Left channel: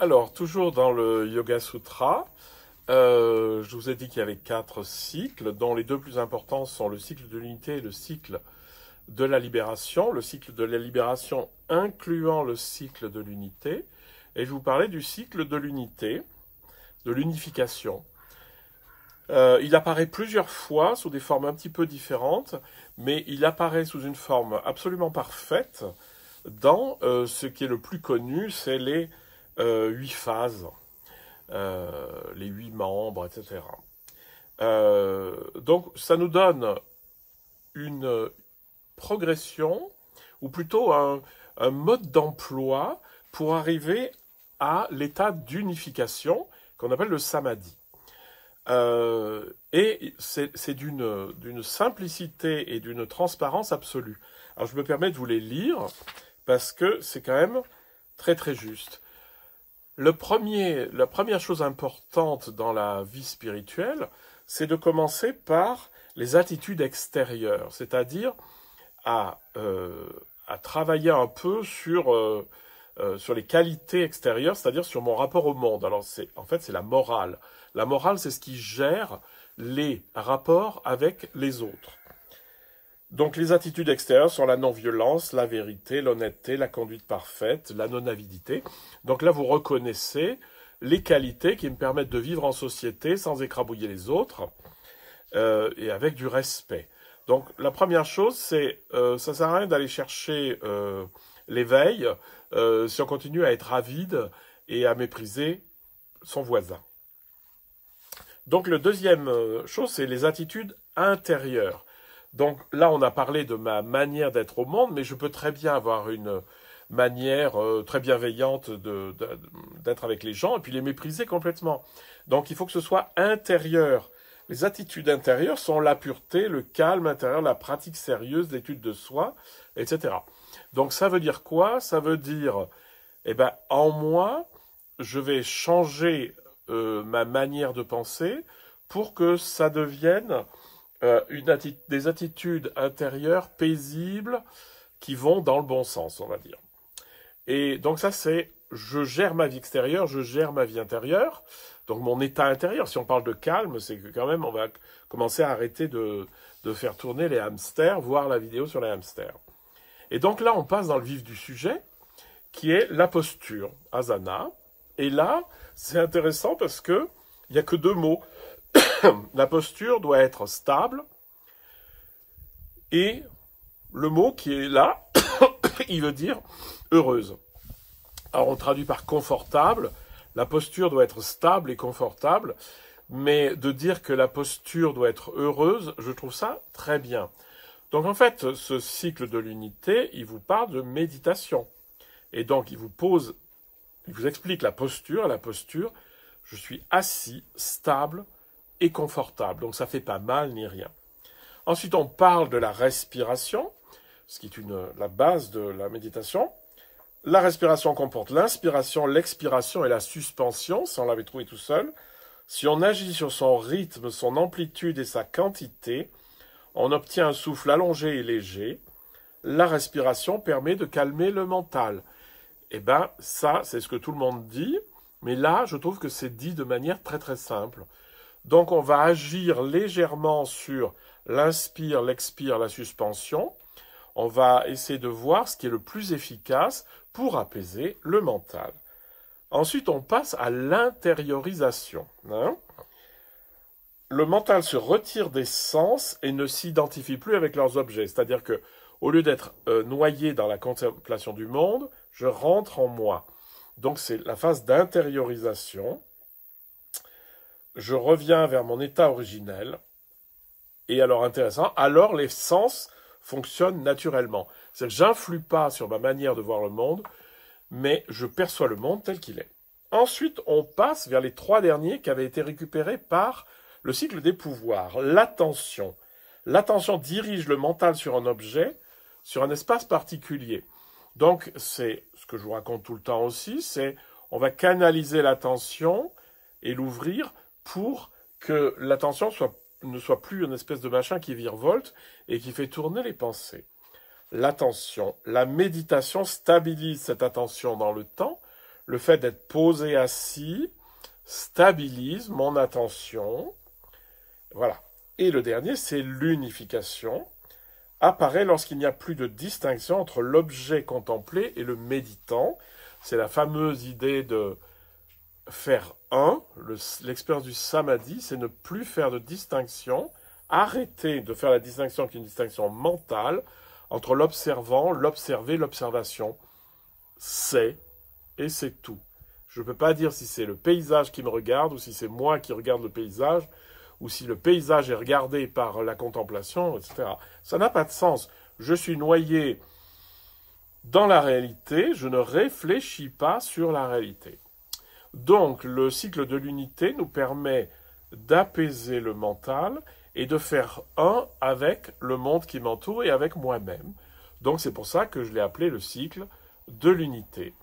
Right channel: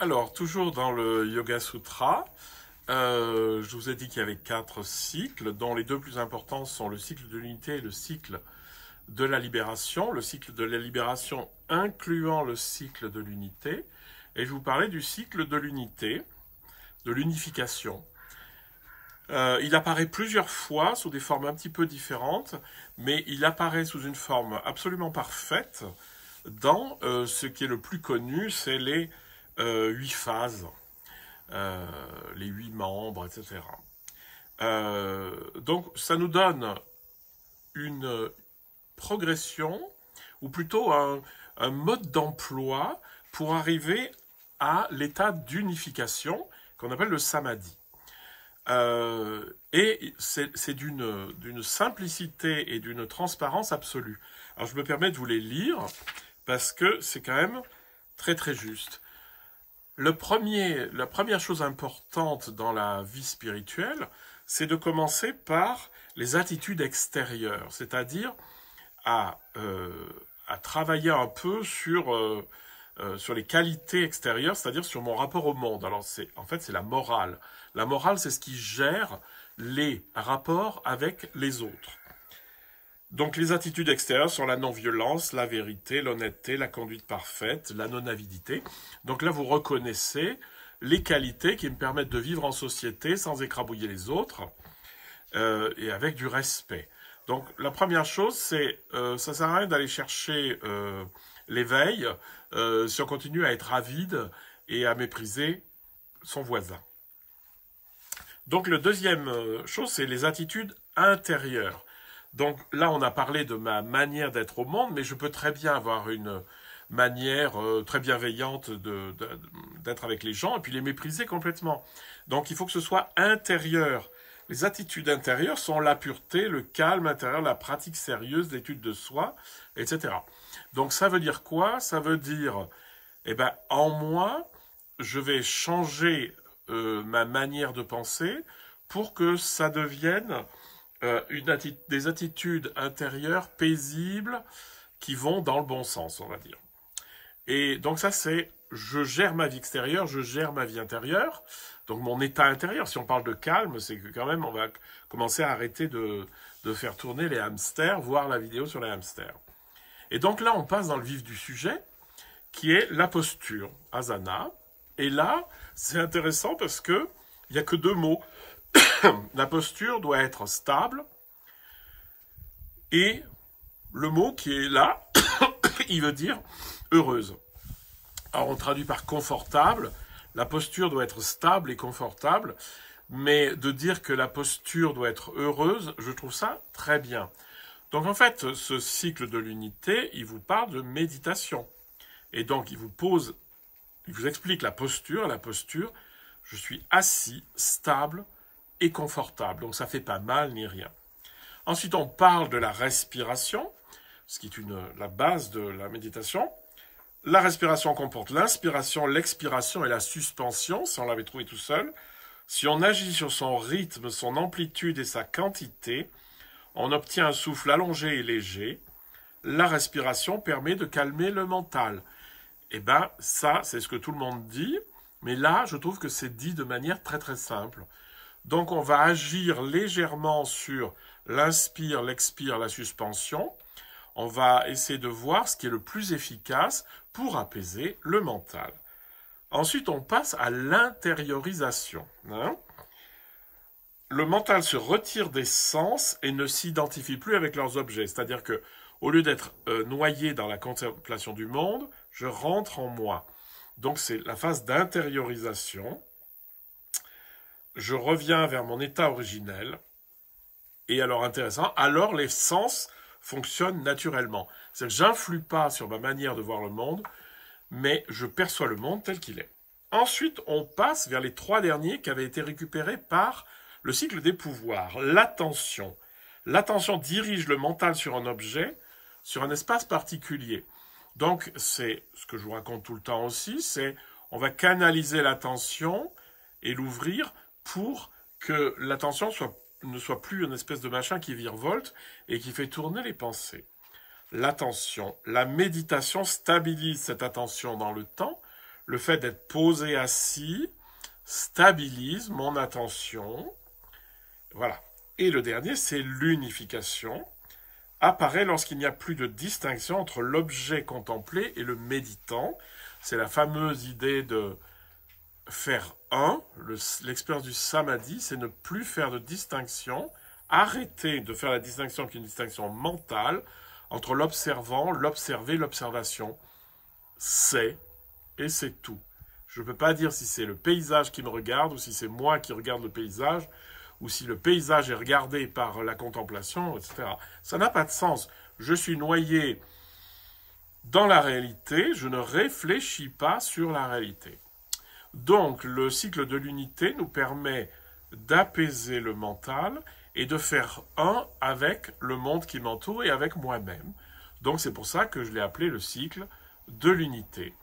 Alors, toujours dans le Yoga Sutra, je vous ai dit qu'il y avait 4 cycles, dont les deux plus importants sont le cycle de l'unité et le cycle de la libération. Le cycle de la libération incluant le cycle de l'unité. Et je vous parlais du cycle de l'unité, de l'unification. Il apparaît plusieurs fois sous des formes un petit peu différentes, mais il apparaît sous une forme absolument parfaite dans ce qui est le plus connu, c'est les 8 phases, les 8 membres, etc. Donc ça nous donne une progression, ou plutôt un mode d'emploi pour arriver à l'état d'unification qu'on appelle le samadhi. Et c'est d'une simplicité et d'une transparence absolue. Alors je me permets de vous les lire parce que c'est quand même très très juste. La première chose importante dans la vie spirituelle, c'est de commencer par les attitudes extérieures, c'est-à-dire à travailler un peu sur les qualités extérieures, c'est-à-dire sur mon rapport au monde. Alors en fait, c'est la morale. La morale, c'est ce qui gère les rapports avec les autres. Donc les attitudes extérieures sont la non-violence, la vérité, l'honnêteté, la conduite parfaite, la non-avidité. Donc là, vous reconnaissez les qualités qui me permettent de vivre en société sans écrabouiller les autres et avec du respect. Donc la première chose, c'est ça sert à rien d'aller chercher l'éveil si on continue à être avide et à mépriser son voisin. Donc le deuxième chose, c'est les attitudes intérieures. Donc là, on a parlé de ma manière d'être au monde, mais je peux très bien avoir une manière très bienveillante d'être avec les gens et puis les mépriser complètement. Donc il faut que ce soit intérieur. Les attitudes intérieures sont la pureté, le calme intérieur, la pratique sérieuse, l'étude de soi, etc. Donc ça veut dire quoi? Ça veut dire, en moi, je vais changer ma manière de penser pour que ça devienne des attitudes intérieures paisibles qui vont dans le bon sens, on va dire. Et donc ça, c'est je gère ma vie extérieure, je gère ma vie intérieure. Donc mon état intérieur, si on parle de calme, c'est que quand même on va commencer à arrêter de faire tourner les hamsters, voir la vidéo sur les hamsters. Et donc là, on passe dans le vif du sujet, qui est la posture, asana. Et là, c'est intéressant parce que il n'y a que 2 mots. La posture doit être stable et le mot qui est là, il veut dire heureuse. Alors on traduit par confortable. La posture doit être stable et confortable, mais de dire que la posture doit être heureuse, je trouve ça très bien. Donc en fait, ce cycle de l'unité, il vous parle de méditation. Et donc il vous explique la posture. La posture, je suis assis, stable et confortable. Donc ça fait pas mal ni rien. Ensuite, on parle de la respiration, ce qui est la base de la méditation. La respiration comporte l'inspiration, l'expiration et la suspension, si on l'avait trouvé tout seul. Si on agit sur son rythme, son amplitude et sa quantité, on obtient un souffle allongé et léger. La respiration permet de calmer le mental. Ça, c'est ce que tout le monde dit, mais là, je trouve que c'est dit de manière très très simple. Donc, on va agir légèrement sur l'inspire, l'expire, la suspension. On va essayer de voir ce qui est le plus efficace pour apaiser le mental. Ensuite, on passe à l'intériorisation. Le mental se retire des sens et ne s'identifie plus avec leurs objets. C'est-à-dire que, au lieu d'être noyé dans la contemplation du monde, je rentre en moi. Donc, c'est la phase d'intériorisation. Je reviens vers mon état originel. Et alors, intéressant, alors les sens fonctionnent naturellement. C'est-à-dire que j'influe pas sur ma manière de voir le monde, mais je perçois le monde tel qu'il est. Ensuite, on passe vers les 3 derniers qui avaient été récupérés par le cycle des pouvoirs. L'attention. L'attention dirige le mental sur un objet, sur un espace particulier. Donc, c'est ce que je vous raconte tout le temps aussi, c'est on va canaliser l'attention et l'ouvrir pour que l'attention ne soit plus une espèce de machin qui virevolte et qui fait tourner les pensées. L'attention, la méditation stabilise cette attention dans le temps, le fait d'être posé assis stabilise mon attention. Voilà. Et le dernier, c'est l'unification. Apparaît lorsqu'il n'y a plus de distinction entre l'objet contemplé et le méditant. C'est la fameuse idée de faire un. L'expérience du samadhi, c'est ne plus faire de distinction, arrêter de faire la distinction qui est une distinction mentale entre l'observant, l'observé, l'observation. C'est, et c'est tout. Je ne peux pas dire si c'est le paysage qui me regarde ou si c'est moi qui regarde le paysage ou si le paysage est regardé par la contemplation, etc. Ça n'a pas de sens. Je suis noyé dans la réalité, je ne réfléchis pas sur la réalité. Donc, le cycle de l'unité nous permet d'apaiser le mental et de faire un avec le monde qui m'entoure et avec moi-même. Donc, c'est pour ça que je l'ai appelé le cycle de l'unité.